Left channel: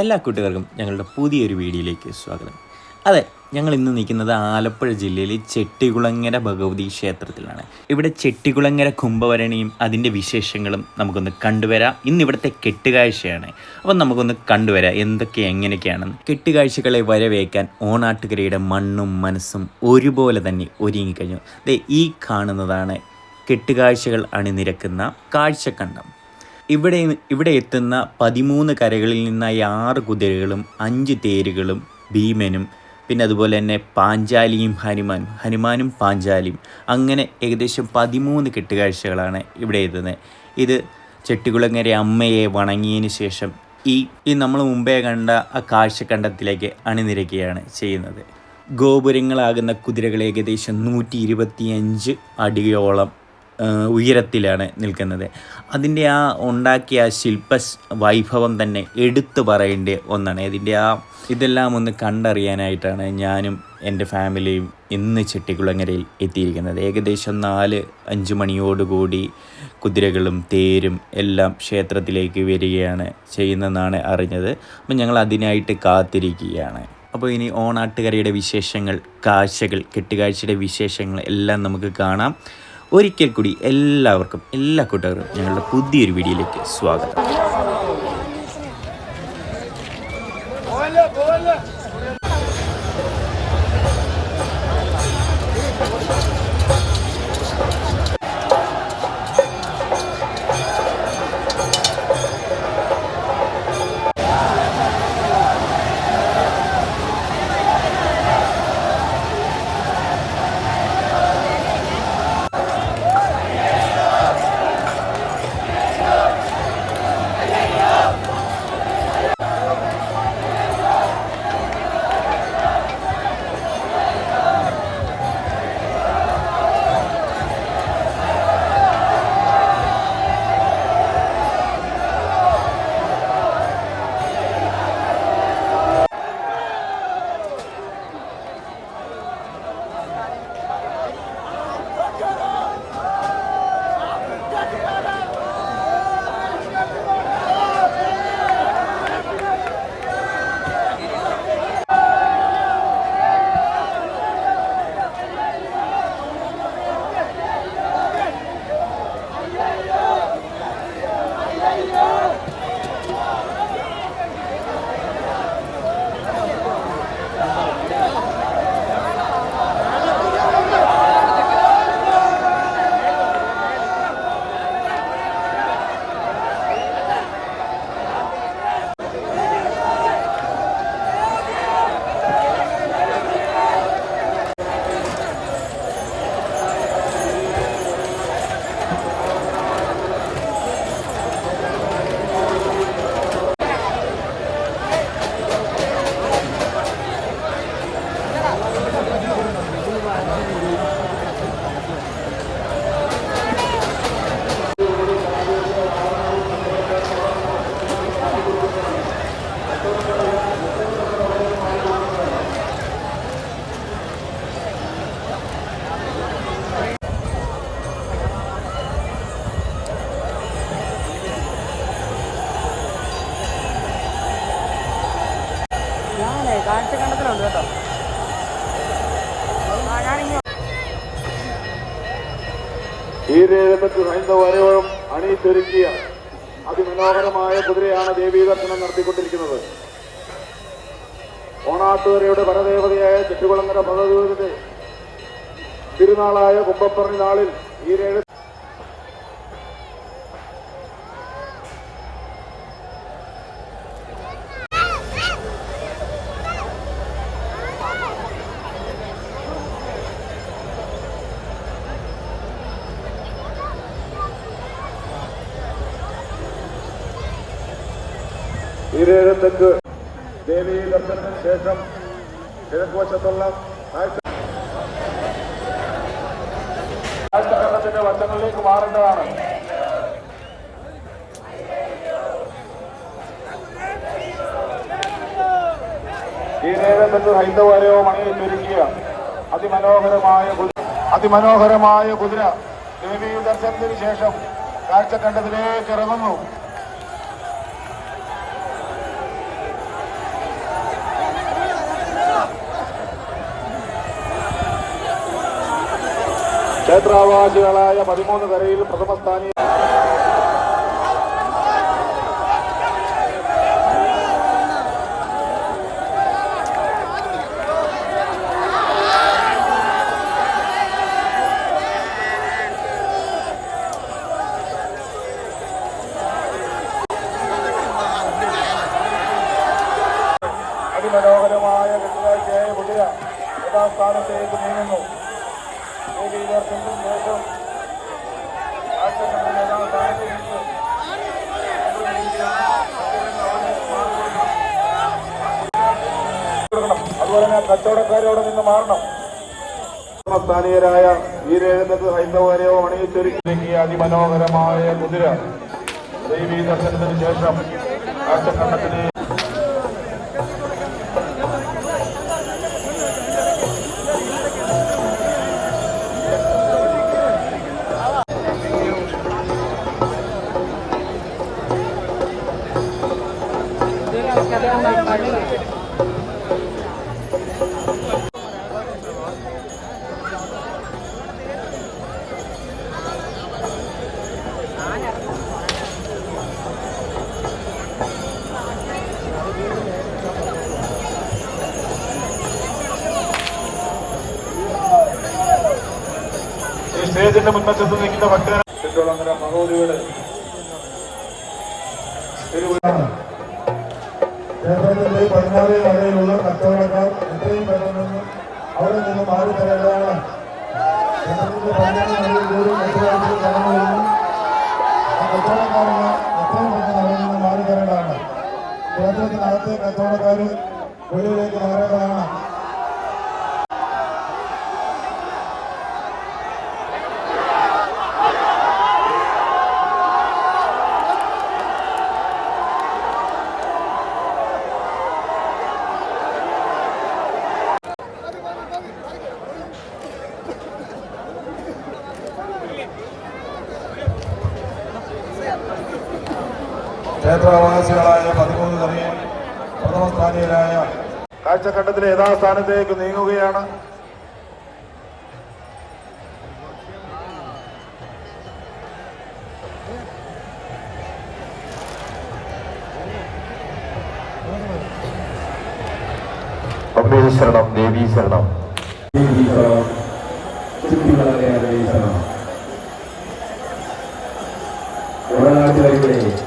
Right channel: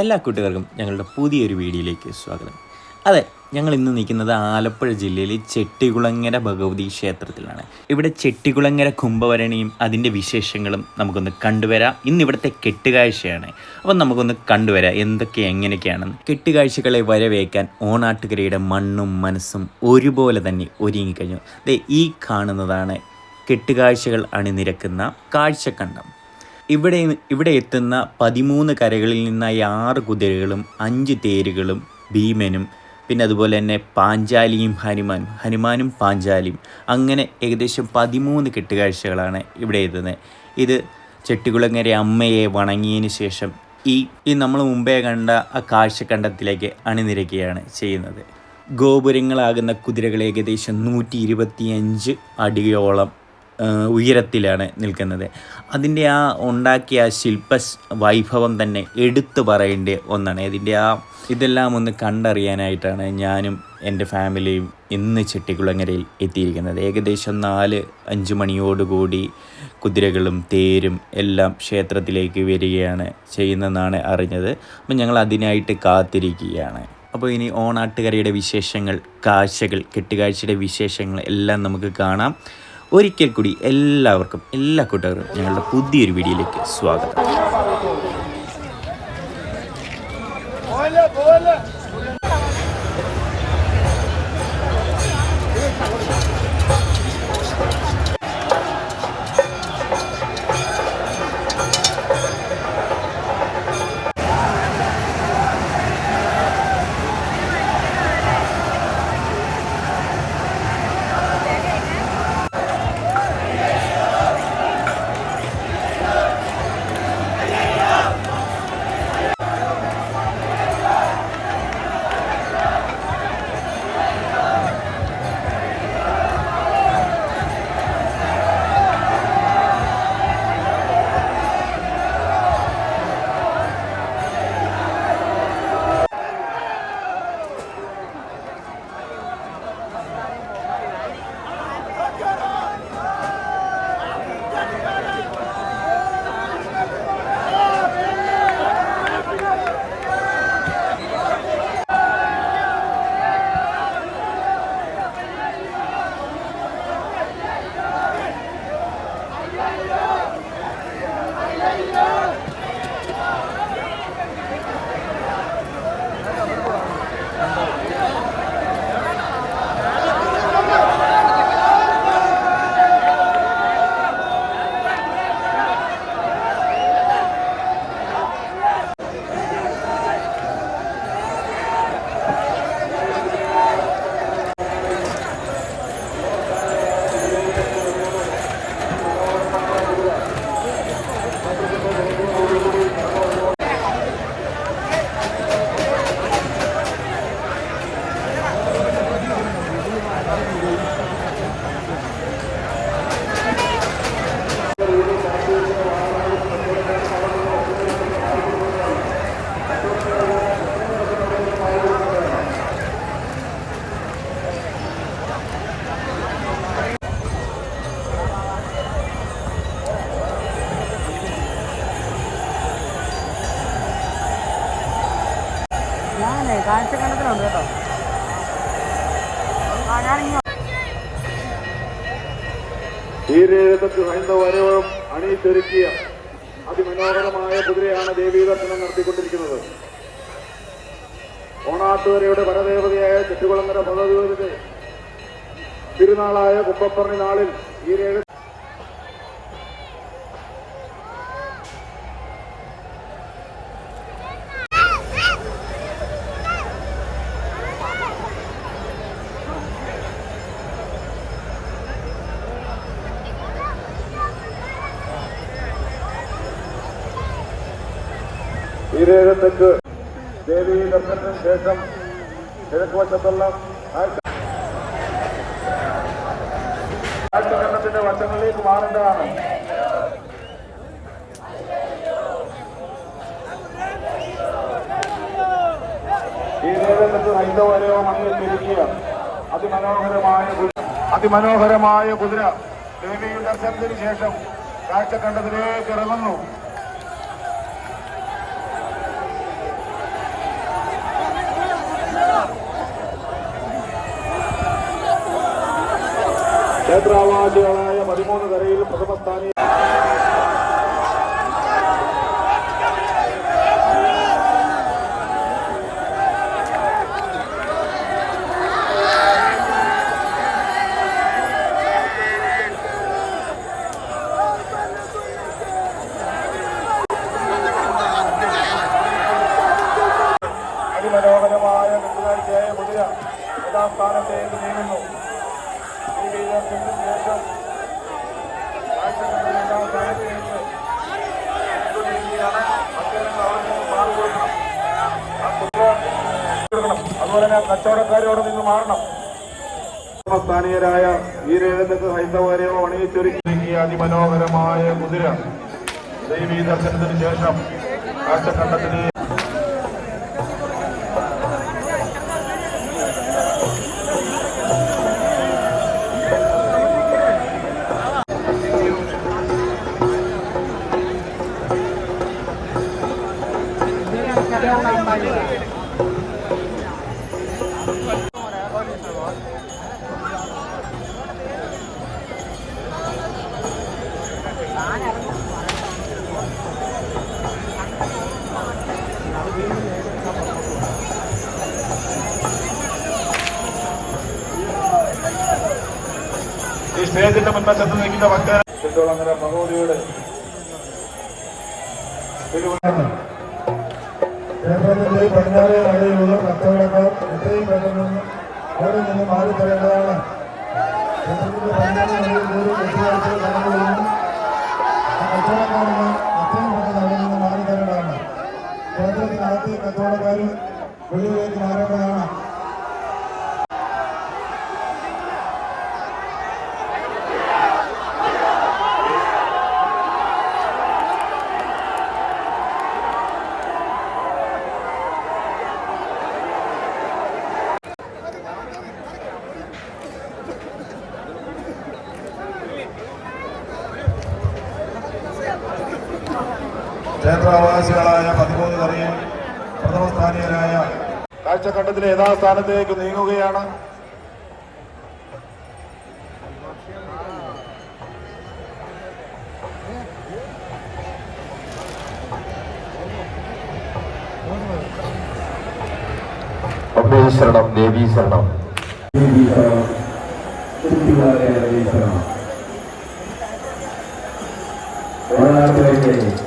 എല്ലാ കൂട്ടുകാർക്കും ഞങ്ങളുടെ പുതിയൊരു വീഡിയോയിലേക്ക് സ്വാഗതം. അതെ ഞങ്ങൾ ഇന്ന് നിൽക്കുന്നത് ആലപ്പുഴ ജില്ലയിലെ ചെട്ടികുളങ്ങര ഭഗവതി ക്ഷേത്രത്തിലാണ്. ഇവിടെ ചെട്ടികുളങ്ങര കുംഭവരണിയും അതിന്റെ വിശേഷങ്ങളും നമുക്കൊന്ന് കണ്ടുവരാം. ഇന്ന് ഇവിടുത്തെ കെട്ടുകാഴ്ചയാണ്. അപ്പം നമുക്കൊന്ന് കണ്ടുവരാം എന്തൊക്കെ എങ്ങനെയൊക്കെയാണെന്ന് കെട്ടുകാഴ്ചകളെ വരവേക്കാൻ ഓണാട്ടുകരയുടെ മണ്ണും മനസ്സും ഒരുപോലെ തന്നെ ഒരുങ്ങിക്കഴിഞ്ഞു. ഈ കാണുന്നതാണ് കെട്ടുകാഴ്ചകൾ അണിനിരക്കുന്ന കാഴ്ചക്കണ്ടം. ഇവിടെ ഇവിടെ എത്തുന്ന പതിമൂന്ന് കരകളിൽ നിന്നായി ആറ് കുതിരകളും അഞ്ച് തേരുകളും ഭീമനും പിന്നെ അതുപോലെ തന്നെ പാഞ്ചാലിയും ഹനുമാനും ഹനുമാനും പാഞ്ചാലിയും. അങ്ങനെ ഏകദേശം പതിമൂന്ന് കെട്ടുകാഴ്ചകളാണ് ഇവിടെ എത്തുന്നത്. ഇത് ചെട്ടികുളങ്ങര അമ്മയെ വണങ്ങിയതിന് ശേഷം ഈ ഈ നമ്മൾ മുമ്പേ കണ്ട ആ കാഴ്ചക്കണ്ടത്തിലേക്ക് അണിനിരക്കുകയാണ് ചെയ്യുന്നത്. ഗോപുരങ്ങളാകുന്ന കുതിരകൾ ഏകദേശം നൂറ്റി ഇരുപത്തിയഞ്ച് അടിയോളം ഉയരത്തിലാണ് നിൽക്കുന്നത്. അതിന്റെ ആ ഉണ്ടാക്കിയ ശില്പ വൈഭവം തന്നെ എടുത്തു പറയേണ്ട ഒന്നാണ്. ഇതിന്റെ ആ ഇതെല്ലാം ഒന്ന് കണ്ടറിയാനായിട്ടാണ് ഞാനും എന്റെ ഫാമിലിയും ഇന്ന് ചെട്ടിക്കുളങ്ങരയിൽ എത്തിയിരിക്കുന്നത്. ഏകദേശം നാല് അഞ്ച് മണിയോടുകൂടി കുതിരകളും തേരും എല്ലാം ക്ഷേത്രത്തിലേക്ക് വരികയാണ് ചെയ്യുന്നതെന്നാണ് അറിഞ്ഞത്. അപ്പം ഞങ്ങൾ അതിനായിട്ട് കാത്തിരിക്കുകയാണ്. അപ്പോൾ ഇനി ഓണാട്ടുകരയുടെ വിശേഷങ്ങൾ കാഴ്ചകൾ കെട്ടുകാഴ്ചയുടെ വിശേഷങ്ങൾ എല്ലാം നമുക്ക് കാണാം. ഒരിക്കൽ കൂടി എല്ലാവർക്കും എല്ലാ കൂട്ടുകാർക്കും ഞങ്ങളുടെ പുതിയൊരു വീഡിയോയിലേക്ക് സ്വാഗതം. ഈ രേഖത്ത് ഹൈന്ദവരവും അണിയിച്ചൊരുക്കിയ അതിമനോഹരമായ കുതിരയാണ് ദേവീ ദർശനം നടത്തിക്കൊണ്ടിരിക്കുന്നത്. ഓണാട്ടുകരയുടെ പരദേവതയായ ചെട്ടുകുളങ്ങര പദവിയുടെ തിരുനാളായ കുമ്പപ്പറഞ്ഞ നാളിൽ ഈ രേഖ ദേവി ദർശനത്തിന് ശേഷം കിഴക്കുവശത്തുള്ള വശത്തുള്ള കാഴ്ചകരണത്തിന്റെ വശങ്ങളിലേക്ക് മാറേണ്ടതാണ്. ഈ രേഖത്തേക്ക് ഹൈന്ദവരവും അണിയിച്ചിരിക്കുക അതിമനോഹരമായ അതിമനോഹരമായ കുതിര ദേവി ദർശനത്തിന് ശേഷം കാഴ്ചക്കണ്ടത്തിലേക്ക് ഇറങ്ങുന്നു. ക്ഷേത്രാവാസികളായ പതിമൂന്ന് കരയിൽ പ്രഥമസ്ഥാനി അതിമനോഹരമായ കുതിരാഴ്ചയായ കുതിര സ്ഥാനത്തേക്ക് നീങ്ങുന്നു. അതുപോലെ തന്നെ കച്ചവടക്കാരോട് നിന്ന് മാറണം. സ്ഥാനീയരായ വീരേന്ദ്രക്ക് ഹൈന്ദവരെയോ അണിയിച്ചൊരുക്കിയ അതിമനോഹരമായ കുതിര. ദേവീ ദർശനത്തിന് ശേഷം കാട്ടുകണ്ടത്തിന് ഈ മുൻപറ്റത്ത് നിൽക്കുന്ന ഭക്തർ ചുറ്റോളങ്ങര മഹോദിയുടെ കേരളത്തിന്റെ പടിഞ്ഞാറേ വഴിയുള്ള കച്ചവടക്കാർ എത്രയും പെട്ടെന്ന് അവിടെ നിന്ന് മാറി തരേണ്ടതാണ്. കച്ചവടക്കാരന് എത്രയും പെട്ടെന്ന് അവിടെ നിന്ന് മാറി തരേണ്ടതാണ്. ക്ഷേത്രത്തിനകത്തെ കച്ചവടക്കാർ വെളിയിലേക്ക് മാറേണ്ടതാണ്. ക്ഷേത്രാവാസികളായ പതിമൂന്ന് പേരെയും പ്രഥമ സ്ഥാനീയരായ കാഴ്ചക്കണ്ടത്തിലെ യഥാസ്ഥാനത്തേക്ക് നീങ്ങുകയാണ്. അമ്മേ ശരണം ദേവി ശരണം. ഒരാട്ടിലേക്ക്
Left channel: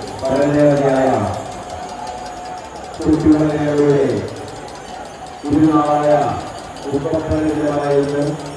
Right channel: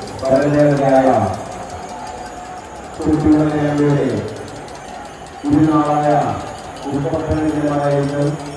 ಧನ್ಯವಾದಗಳು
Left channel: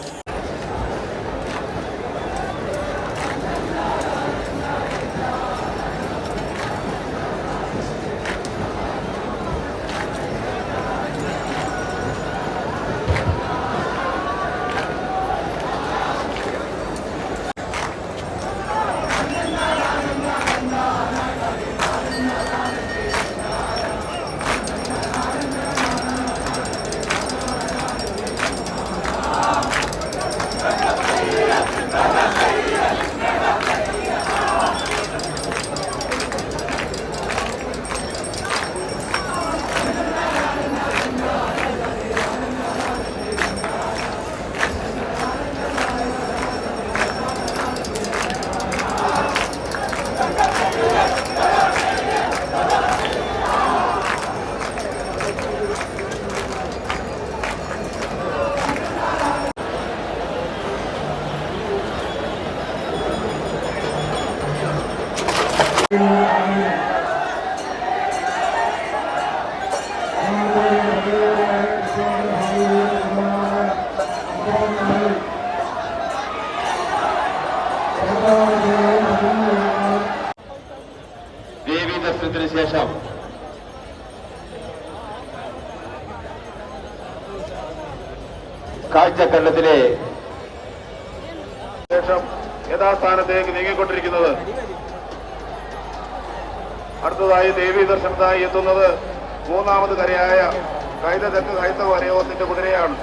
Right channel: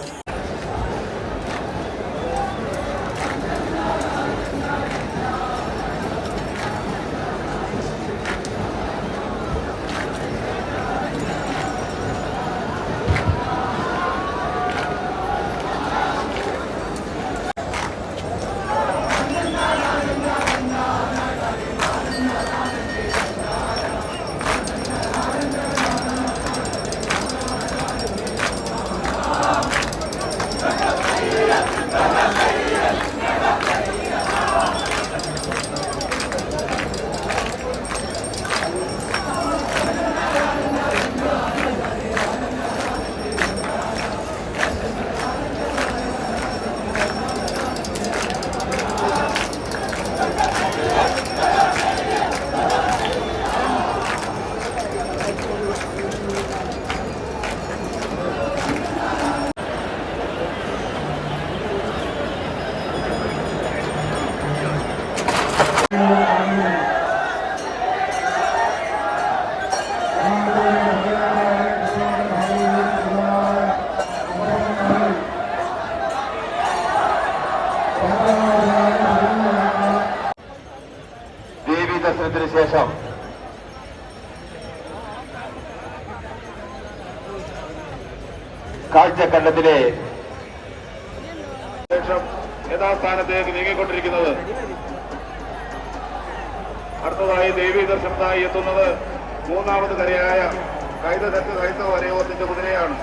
കാഴ്ചക്കണ്ടത്തിലെ ശേഷം യഥാസ്ഥാനത്തേക്ക് നീങ്ങിക്കൊണ്ടിരിക്കുന്നത്. അടുത്തതായി ദേവി ദർശനത്തായി എത്തുന്നത് മൂന്നാമത് കരയായ കൈതകത്ത് കൈത്തവരയോത്തിന്റെ കുതിരയാണ്.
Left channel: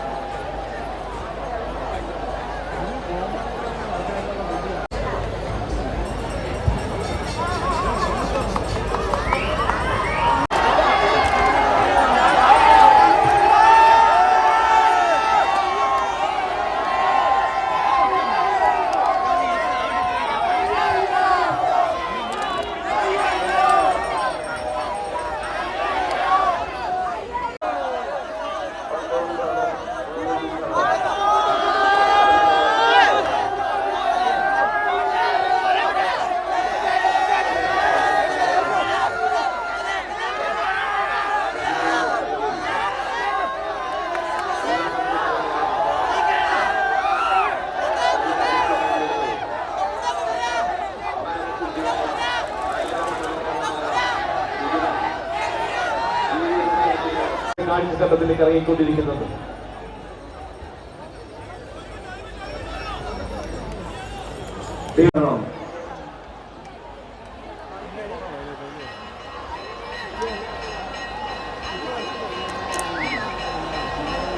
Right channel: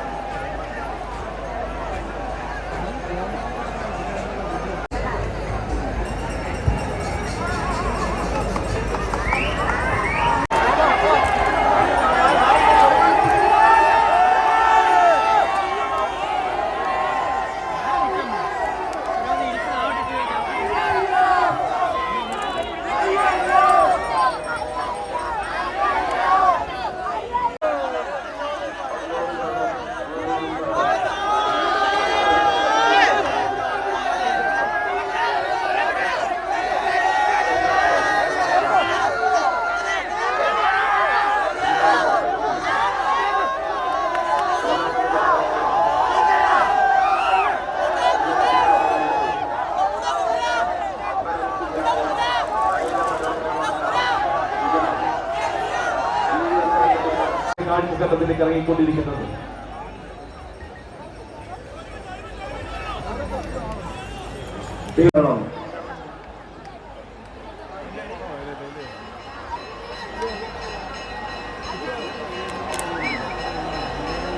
കാഴ്ചക്കണ്ടത്തിലേക്ക് ഇറങ്ങിക്കൊണ്ടിരിക്കുന്നത്.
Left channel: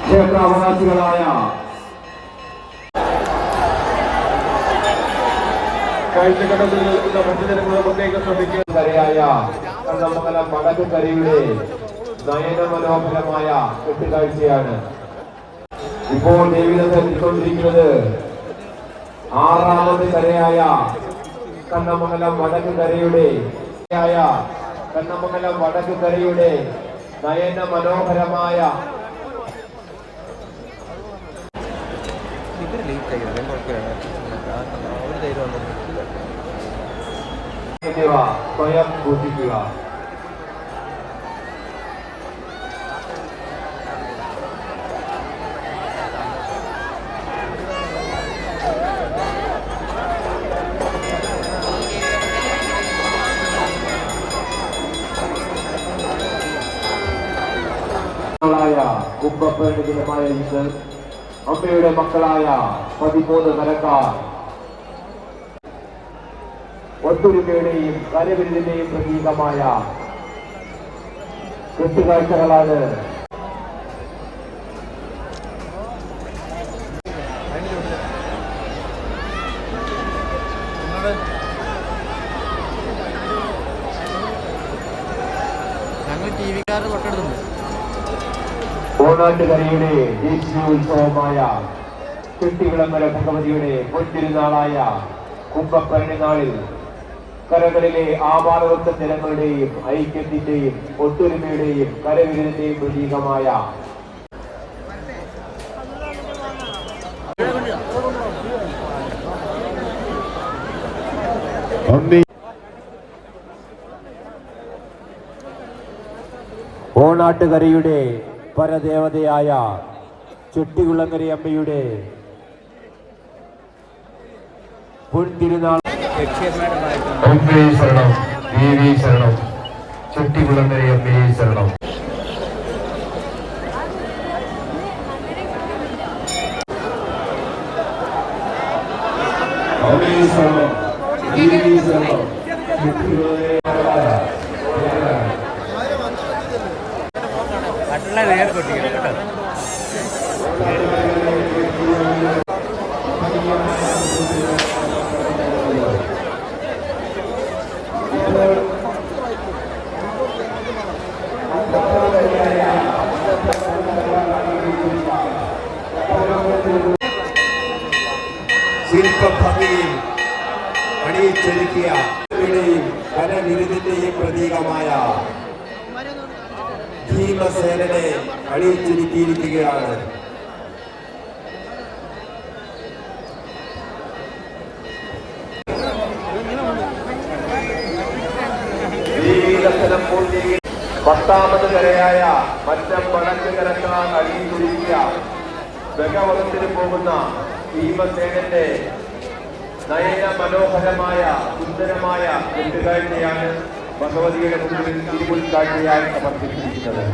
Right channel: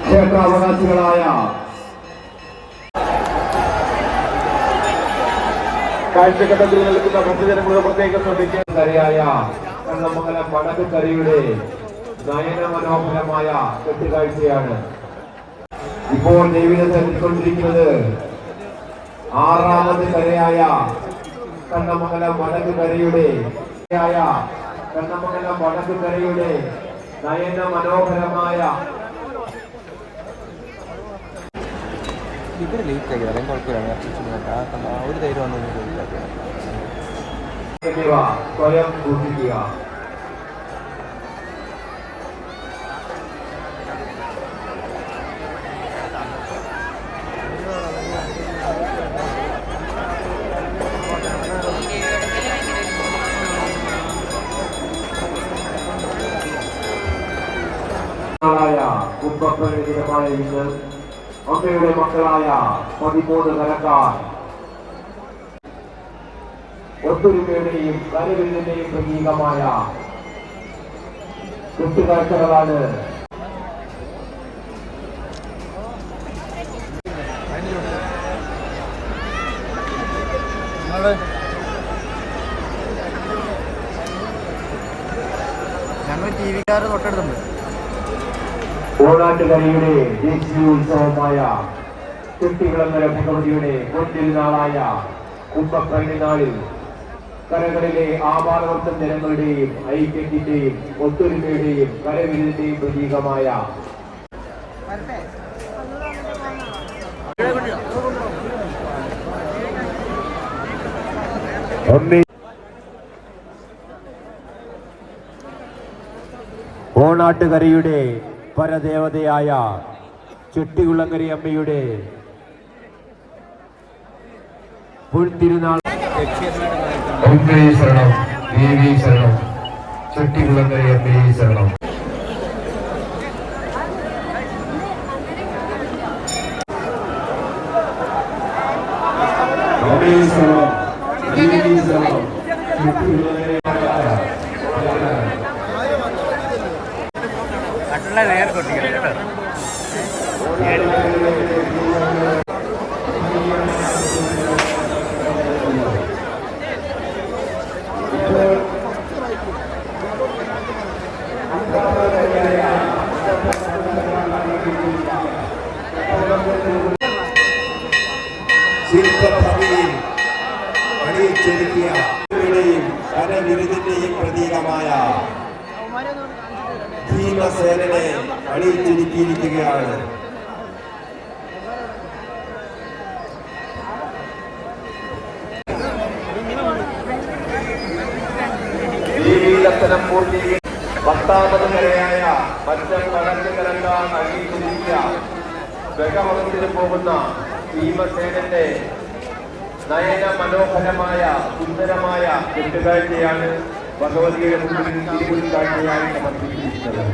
ക്ഷേത്രാവകാശികളായ കാഴ്ചഘട്ടത്തിൽ നിൽക്കുന്ന ഭക്തജനങ്ങളുടെ പ്രത്യേക ശ്രദ്ധിക്കാൻ കരയായ കണ്ണമംഗലം വടക്കുംകരയുടെ നയന മനോഹരമായ കെട്ടുകാഴ്ചയാണ് ഇപ്പോൾ ജീവിതത്തെ എത്തിക്കൊണ്ടിരിക്കുന്നത്. ആറാമത് കരയായ കണ്ണമംഗലം വടക്ക് കരയുടെ കണ്ണമംഗലം വടക്ക് കരയുടെ നയന മനോഹരമായ സ്വയം സൂക്ഷിക്കുക. മക്കളായ നിങ്ങൾ അമ്മയുടെ മക്കളായ പതിമൂന്ന് കരക്കാർ ഒത്തൊരുമയുടെയും കരവിരുതിന്റെയും പ്രതീകമായ കെട്ടുകാഴ്ചകളാണ് ഞങ്ങൾ ടി വിക്കാർ തൊട്ടടുത്തുണ്ട്. ഓണാട്ടുകരയുടെ ദേശീയ ഉത്സവമായ കുട്ടികുളങ്ങര ഭഗവതിയുടെ പൊൻതിരുനാളായ കുംഭപ്പരണിനാളിൽ കരകളിലെ ആപാലവൃത്ത ജനങ്ങളുടെയും ഐക്യത്തിന്റെയും ഒത്തൊരുമയുടെയും കരവിരുതിന്റെയും പ്രതീകമായ ഓണാട്ടുകരയുടെ പരദേവതയായ ചെട്ടികുളങ്ങരി അമ്മയുടെ അമ്മേ ശരണം ദേവി ശരണം ചെട്ടികുളങ്ങര അമ്മേ ശരണം ശില്പഭംഗിയിൽ അണിയിച്ചൊരുക്കിയ യുടെയും കരവിരുതിന്റെയും പ്രതീകമായ ഭീമസേനനെ അണിയിച്ചൊരുക്കിയിരിക്കുകയാണ് ദേവീദർശനം പൂർത്തീകരിച്ച് പത്താമത് കരയായ മറ്റം വടക്ക് കരക്കാൻ നൽകിയിരിക്കുക ബഗവളത്തിന് പോകുന്ന ഭീമസേനന്റെ നയന മനോഹരമായ സുന്ദരമായ കെട്ടുകാഴ്ചയാണ് ഭഗവതിയുടെ മുമ്പിൽ തിരുമുൽ കാഴ്ചയായി സമർപ്പിച്ചിരിക്കുന്നത്